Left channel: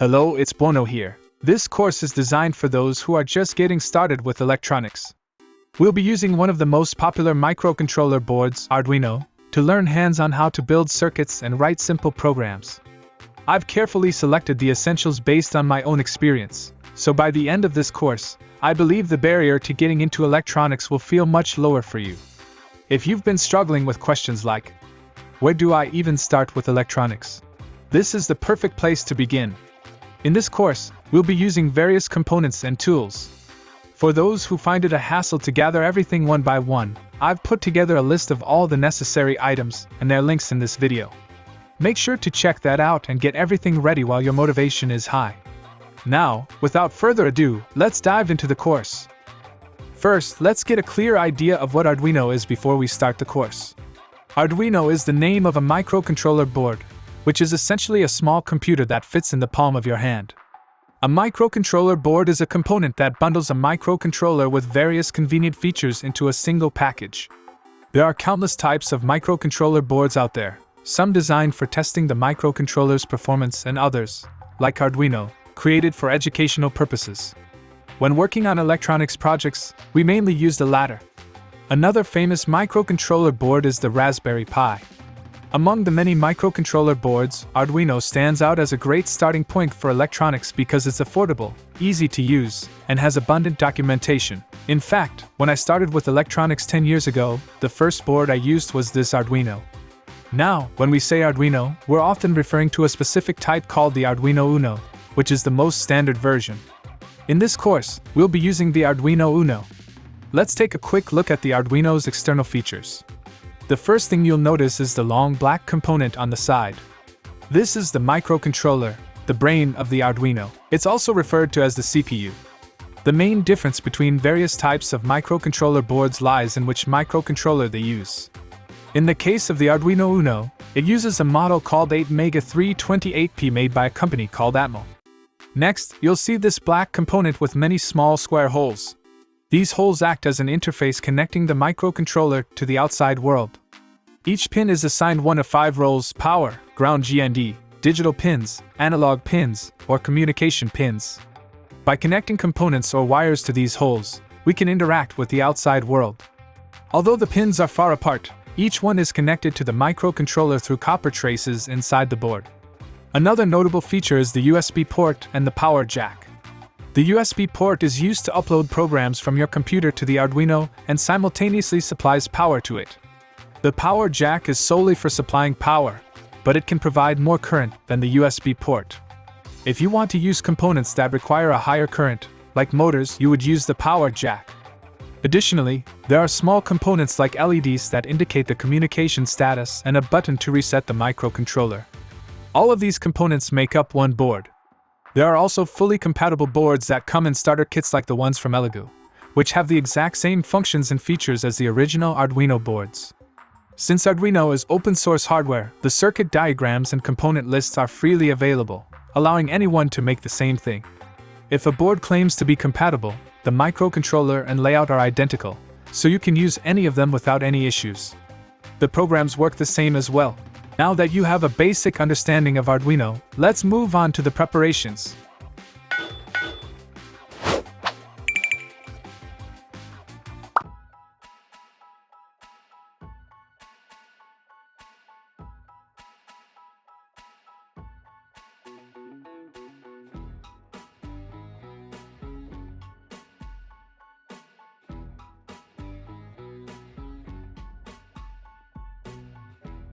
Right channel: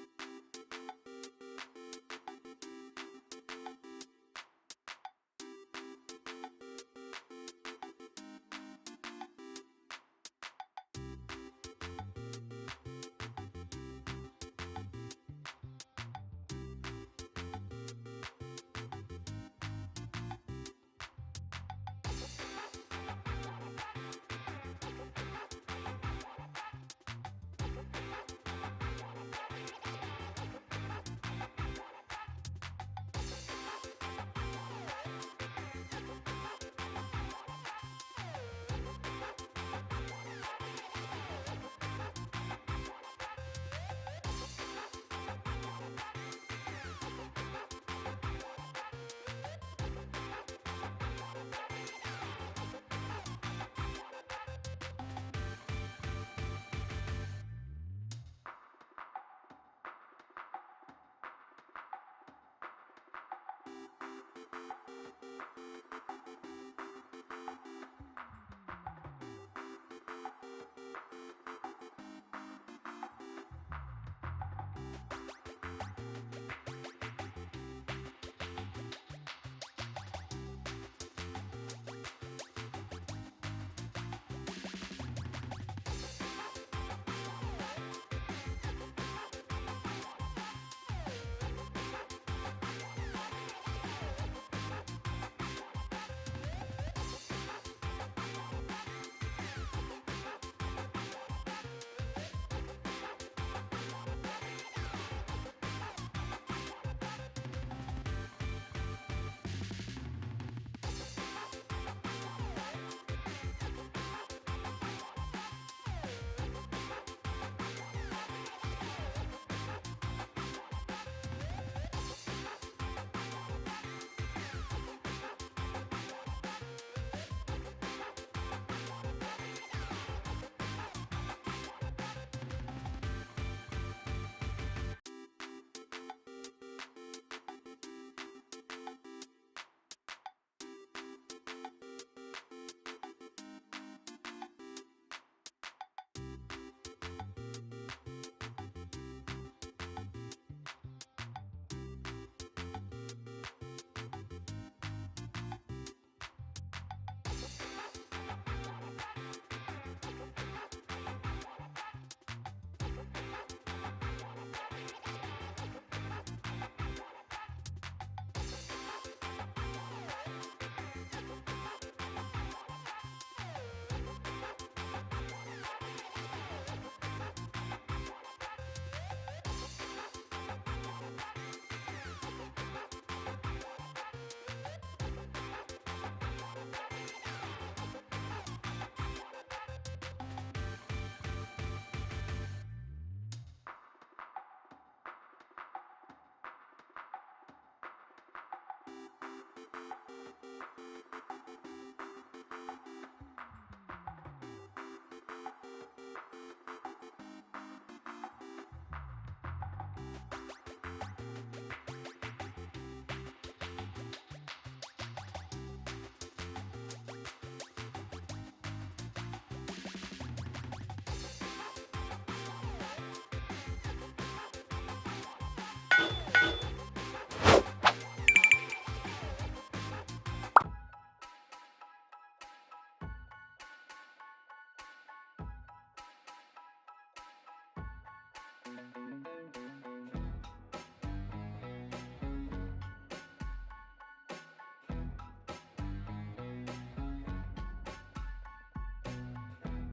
Hello, it's Buono here. This course is designed for those who are just getting started with electronics. We'll be using one of the most popular microcontroller boards, Arduino, to learn hands-on how to build circuits and write simple programs. I've carefully selected the essentials based on my own experience, so by the end of this course, I believe the barrier to getting into electronics will feel much lower for you. If you've been struggling with questions like, where do I even start with electronics? This is the perfect place to begin. In this course, we'll be using various components and tools. For those who find it a hassle to gather everything one by one, I've put together a list of all the necessary items and their links in this video. Make sure to check that out and get everything ready while your motivation is high. Now, without further ado, let's dive into the course. First, let's get a clear idea of what Arduino is before we start the course. Arduino is the name of a microcontroller board, which is essentially a small computer that fits in the palm of your hand. A microcontroller board is a component that bundles a microcontroller with various convenient features into a single package. There are countless types of microcontroller boards out there, some designed for testing the microcontroller's performance and others, like Arduino, created for educational purposes. When working on electronics projects, we mainly use the latter. Another famous microcontroller board is the Raspberry Pi. Among the many microcontroller boards, Arduino stands out as a great starting point for electronics because it's affordable, easy to use, and has abundant documentation. In fact, when I started with electronics 10 years ago, the first board I used was this Arduino. Now, when we say Arduino, we're often referring to a specific type called the Arduino Uno, which is the most standard version. In this course, we'll be using the Arduino Uno. Let's take a quick look at the Arduino's external features. The first thing you'll notice is the long black component on the side. This is the microcontroller, the brain of the Arduino. It's also referred to as the CPU. The main difference between various types of microcontroller boards lies in which microcontroller they use. In the case of the Arduino Uno, it uses a model called 8MEGA328P made by a company called Atmel. Next, you'll see this black component with many small square holes. These holes act as an interface connecting the microcontroller to the outside world. Each pin is assigned one of 5 roles: power, ground GND, digital pins, analog pins, or communication pins. By connecting components or wires to these holes, we can interact with the outside world. Although the pins are far apart, each one is connected to the microcontroller through copper traces inside the board. Another notable feature is the USB port and the power jack. The USB port is used to upload programs from your computer to the Arduino and simultaneously supplies power to it. The power jack is solely for supplying power, but it can provide more current than the USB port. If you want to use components that require a higher current, like motors, you would use the power jack. Additionally, there are small components like LEDs that indicate the communication status and a button to reset the microcontroller. All of these components make up one board. There are also fully compatible boards that come in starter kits like the ones from Elegoo, which have the exact same functions and features as the original Arduino boards. Since Arduino is open source hardware, the circuit diagrams and component lists are freely available, allowing anyone to make the same thing. If a board claims to be compatible, the microcontroller and layout are identical, so you can use any of them without any issues. The programs work the same as well. Now that you have a basic understanding of Arduino, let's move on to the preparations.